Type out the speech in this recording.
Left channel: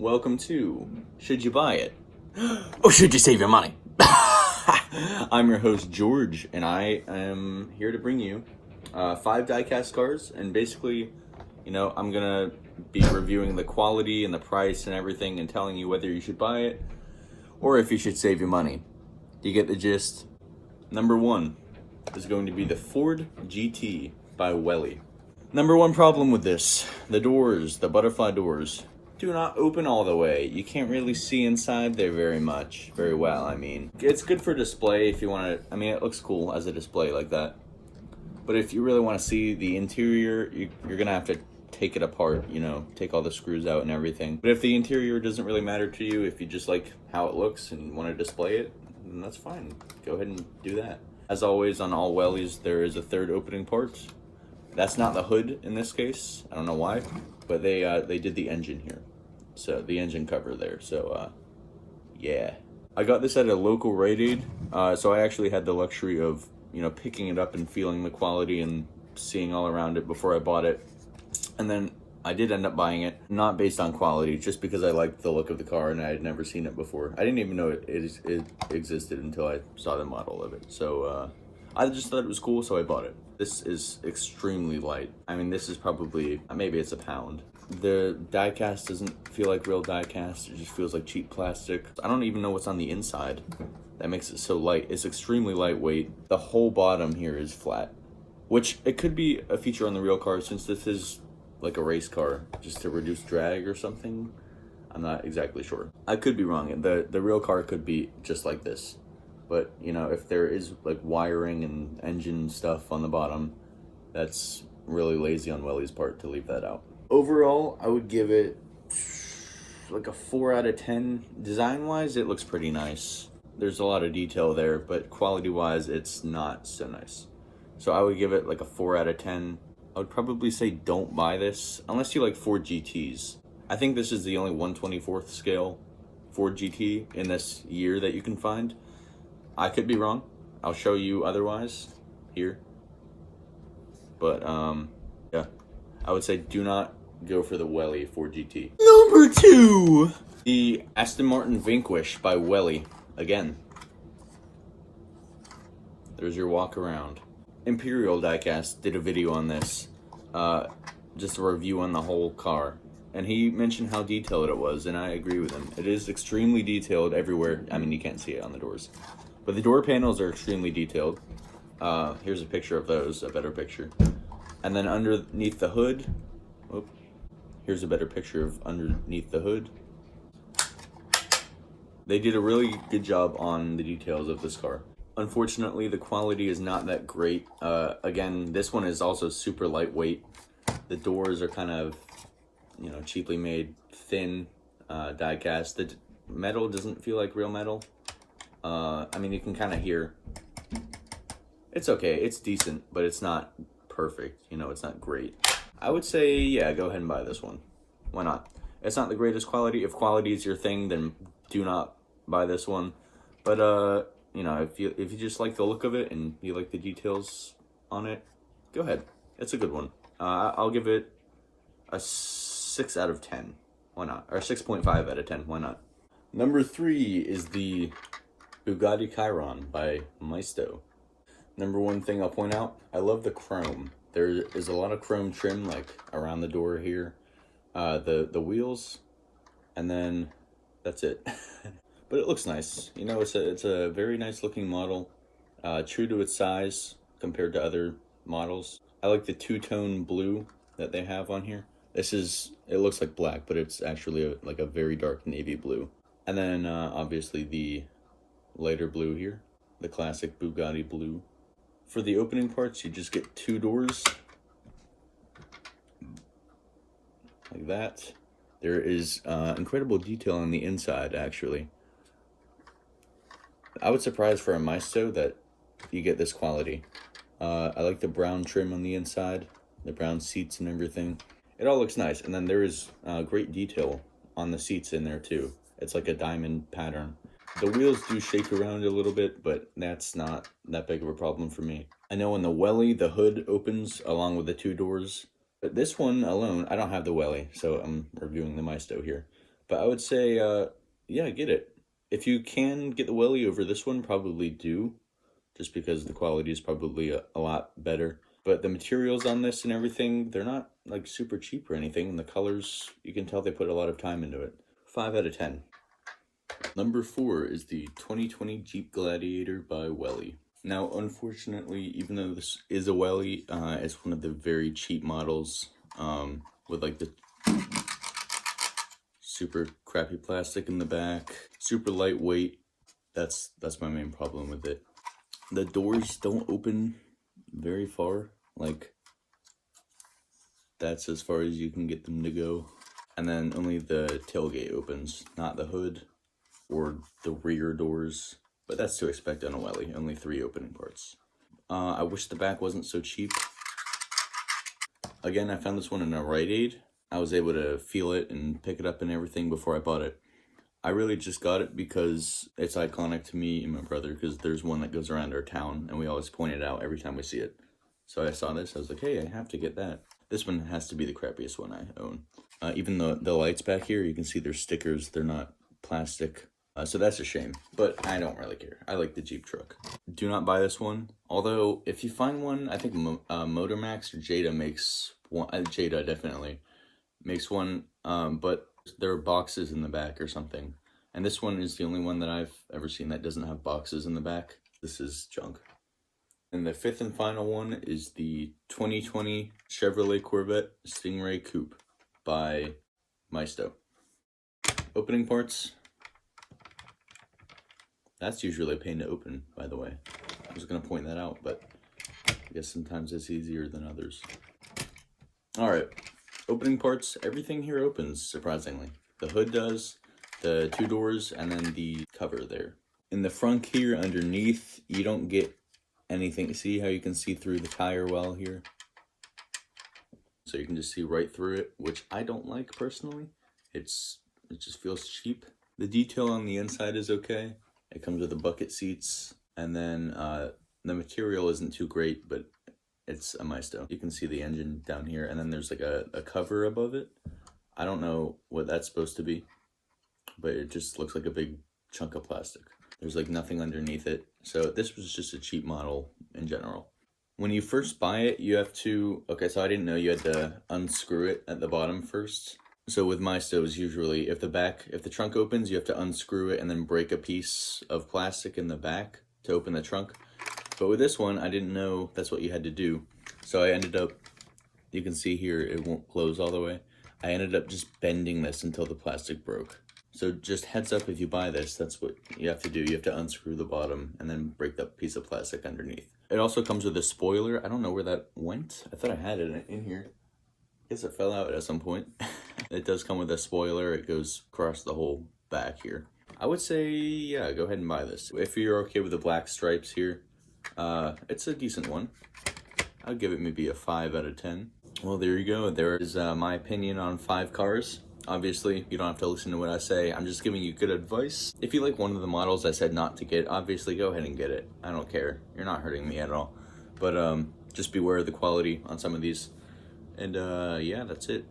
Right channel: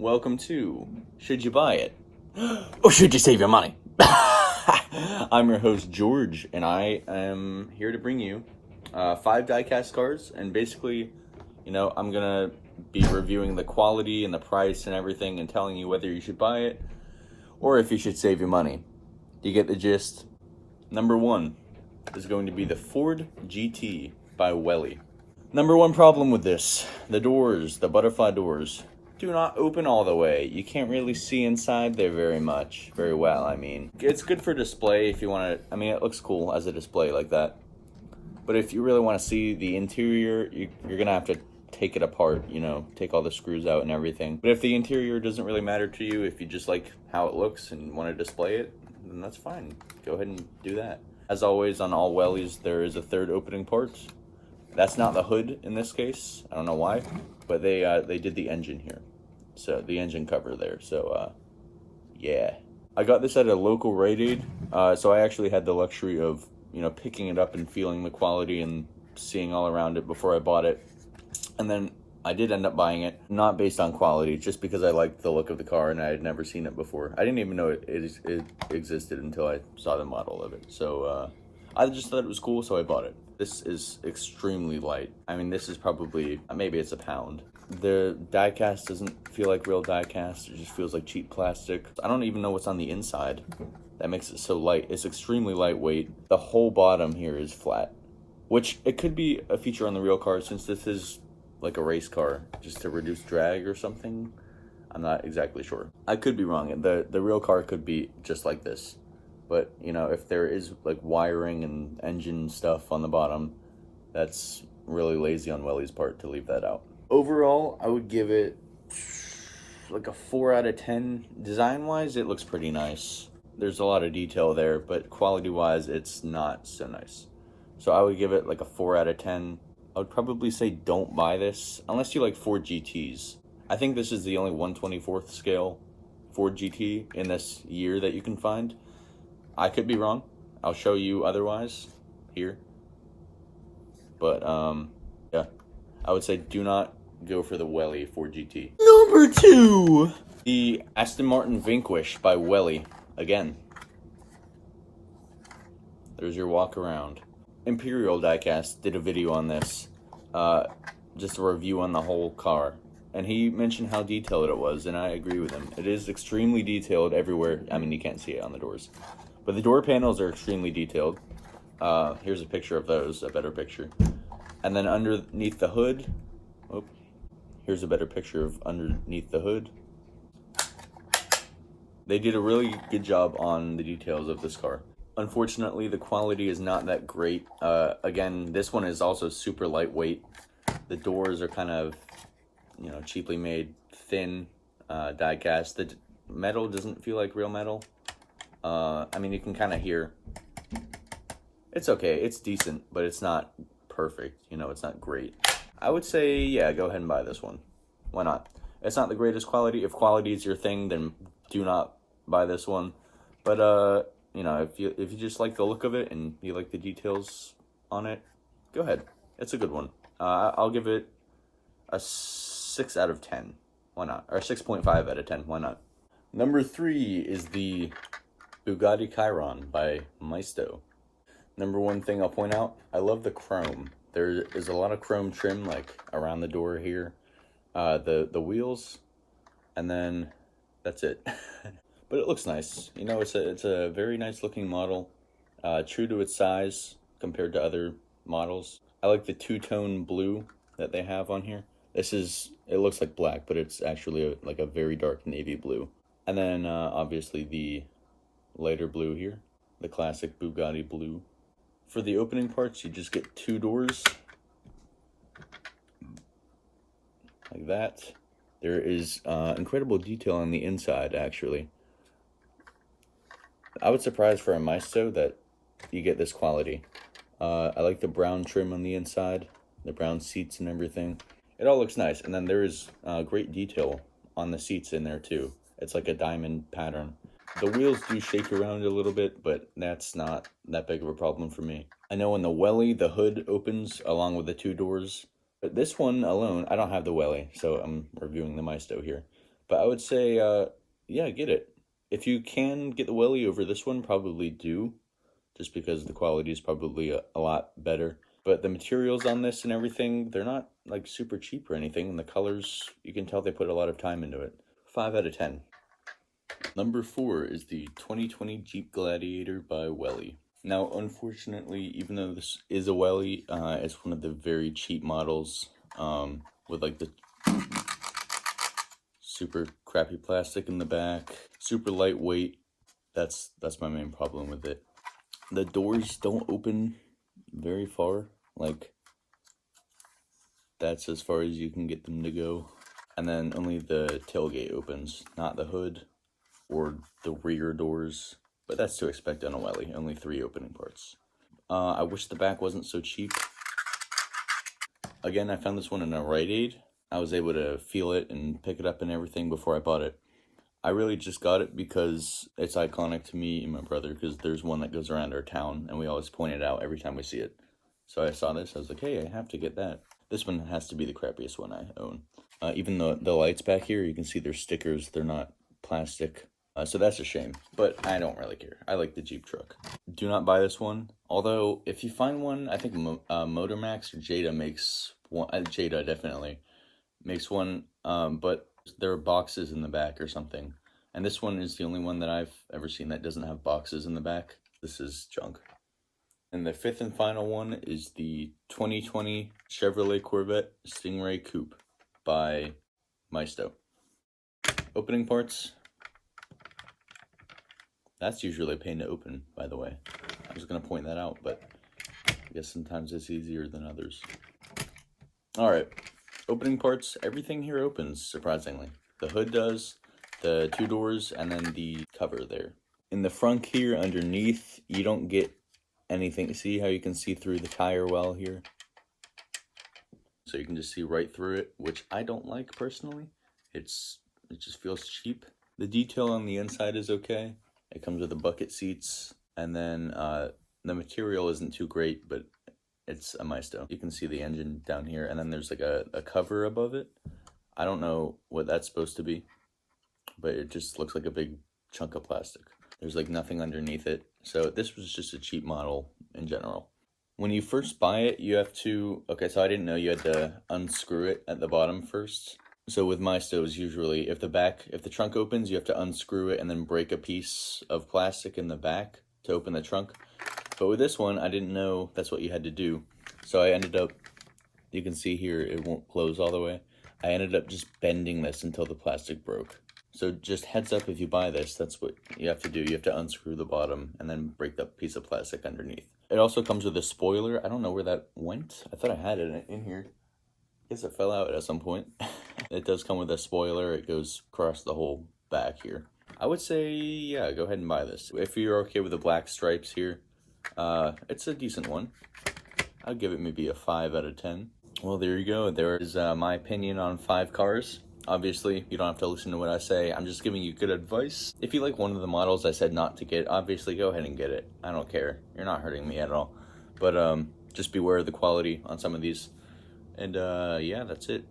Welcome to Should You Buy It? Or should you save your money? I'm your host, George, and I am here to bring you 5 diecast cars, and basically, I'm gonna be reviewing the quality and the price and everything and telling you whether you should buy it or if you should save your money. Do you get the gist? Number 1 is going to be the Ford GT by Welly. Number 1 problem with this, the doors, the butterfly doors, do not open all the way. You can't really see inside there very well, I mean. It's good for display if you want to, it looks cool as a display like that. But if you really want to see the interior, you're going to have to take it apart, take all the screws out and everything. But if the interior doesn't really matter to you, if you just like how it looks and want to display it, then that's fine. Go ahead and do that. As always, on all Wellies, there is a third opening part. That's not the hood in this case. I don't know why, but they did the engine here. So the engine cover there. So yeah. I got this at a local Rite Aid. So I actually had the luxury of, picking it up and feeling the quality and seeing all around it before I bought it. And then I did end up buying it, not based on quality, just because I liked the look of the car and I had never seen it before. I didn't even know it existed until I saw the model of it. So I just thought it was cool, so I bought it. This is extremely light. This is probably, maybe it's a pound. The diecast doesn't feel like real diecast. It just feels like cheap plastic. I don't even know what's on the inside. That makes it so light. It's extremely lightweight. The whole bottom here is flat, which it could be a feature on the real car since this is like a race car, just to reduce drag or something. I'm not exactly sure. I could be wrong. The real car could be just like this. But, if there is like wiring and engine stuff on the bottom, that's really lazy on Welly's part to leave that out. Overall, I would give it like a 4 out of 10. Design-wise, it looks pretty nice. There's a lot of detail there, but quality-wise, it's not so nice. So I would give it like a 4 out of 10. I would probably say don't buy this unless you like Ford GTs. I think this is the only 1/24th scale Ford GT in this year that you can find. I could be wrong. I'll show you otherwise here. But yeah, I would say do not go for the Welly Ford GT. Number 2, the Aston Martin Vanquish by Welly. Again, there's your walk around. Imperial Diecast did a video on this, just a review on the whole car, and he mentioned how detailed it was, and I agree with him. It is extremely detailed everywhere. You can't see it on the doors, but the door panels are extremely detailed. Here's a picture of those, a better picture. And then underneath the hood, here's a better picture of underneath the hood. They did a really good job on the details of this car. Unfortunately, the quality is not that great. Again, this one is also super lightweight. The doors are kind of, cheaply made, thin, diecast. The metal doesn't feel like real metal. You can kind of hear. It's okay, it's decent, but it's not perfect. It's not great. I would say, yeah, go ahead and buy this one. Why not? It's not the greatest quality. If quality is your thing, then do not buy this one. But, if you just like the look of it and you like the details on it, go ahead. It's a good one. I'll give it a 6 out of 10. Why not? Or 6.5 out of 10. Why not? Number 3 is the Bugatti Chiron by Maisto. Number 1 thing I'll point out, I love the chrome. There is a lot of chrome trim like around the door here, the wheels, and then that's it. But it looks nice. It's a very nice looking model, true to its size compared to other models. I like the two-tone blue that they have on here. It looks like black, but it's actually like a very dark navy blue. And then obviously the lighter blue here, the classic Bugatti blue. For the opening parts, you just get 2 doors like that. There is incredible detail on the inside, actually. I was surprised for a Maisto that you get this quality. I like the brown trim on the inside, the brown seats and everything. It all looks nice, and then there is great detail on the seats in there too. It's like a diamond pattern. The wheels do shake around a little bit, but that's not that big of a problem for me. I know in the Welly, the hood opens along with the 2 doors, but this one alone, I don't have the Welly, so I'm reviewing the Maisto here. But I would say, yeah, get it. If you can get the welly over this one, probably do, just because the quality is probably a lot better. But the materials on this and everything, they're not like super cheap or anything. And the colors, you can tell they put a lot of time into it. 5 out of 10. Number 4 is the 2020 Jeep Gladiator by Welly. Now, unfortunately, even though this is a Welly, it's one of the very cheap models with like the super crappy plastic in the back, super lightweight. That's my main problem with it. The doors don't open very far, like that's as far as you can get them to go. And then only the tailgate opens, not the hood or the rear doors, but that's to expect on a Welly, only 3 opening parts. I wish the back wasn't so cheap. Again, I found this one in a Rite Aid. I was able to feel it and pick it up and everything before I bought it. I really just got it because it's iconic to me and my brother, because there's one that goes around our town and we always point it out every time we see it. So I saw this, I was like, hey, I have to get that. This one has to be the crappiest one I own. Even though the lights back here, you can see there's stickers, they're not plastic. So that's a shame, but I don't really care. I like the Jeep truck. Do not buy this one. Although, if you find one, I think Motormax or Jada makes one. Jada definitely makes one, but there are boxes in the back or something. And this one is the only one that I've ever seen that doesn't have boxes in the back. This is junk. And the 5th and final one is the 2020 Chevrolet Corvette Stingray Coupe by Maisto. Opening parts. That's usually a pain to open, by the way. I was going to point that out, but I guess sometimes it's easier than others. Alright, opening parts. Everything here opens, surprisingly. The hood does, the 2 doors, and then the cover there. In the front here, underneath, you don't get anything. See how you can see through the tire well here? So you can just see right through it, which I don't like personally. It just feels cheap. The detail on the inside is okay. It comes with the bucket seats, and then the material isn't too great, but it's a Maisto. You can see the engine down here, and then there's like a cover above it. I don't know what that's supposed to be, but it just looks like a big chunk of plastic. There's like nothing underneath it. So this was just a cheap model in general. When you first buy it, you have to, okay, so I didn't know you had to unscrew it at the bottom first. So with Maistos, usually if the trunk opens, you have to unscrew it and then break a piece of plastic in the back to open the trunk. But with this one, I didn't know that's what you had to do. So I ended up, you can see here, it won't close all the way. I ended up just bending this until the plastic broke. So just heads up, if you buy this, that's what you have to do. You have to unscrew the bottom and then break that piece of plastic underneath. It also comes with a spoiler. I don't know where that went. I thought I had it in here. I guess it fell out at some point. It does come with a spoiler. It goes across the whole back here. I would say, yeah, go ahead and buy this. If you're okay with the black stripes here, it's a decent one. I'll give it maybe a 5 out of 10. Well, there you go. There is my opinion on 5 cars. Obviously, you don't have to listen to what I say. I'm just giving you good advice. If you like one of the models I said not to get, obviously go ahead and get it. I don't care. You're not hurting me at all. But just beware of the quality on some of these. And yeah, that's it.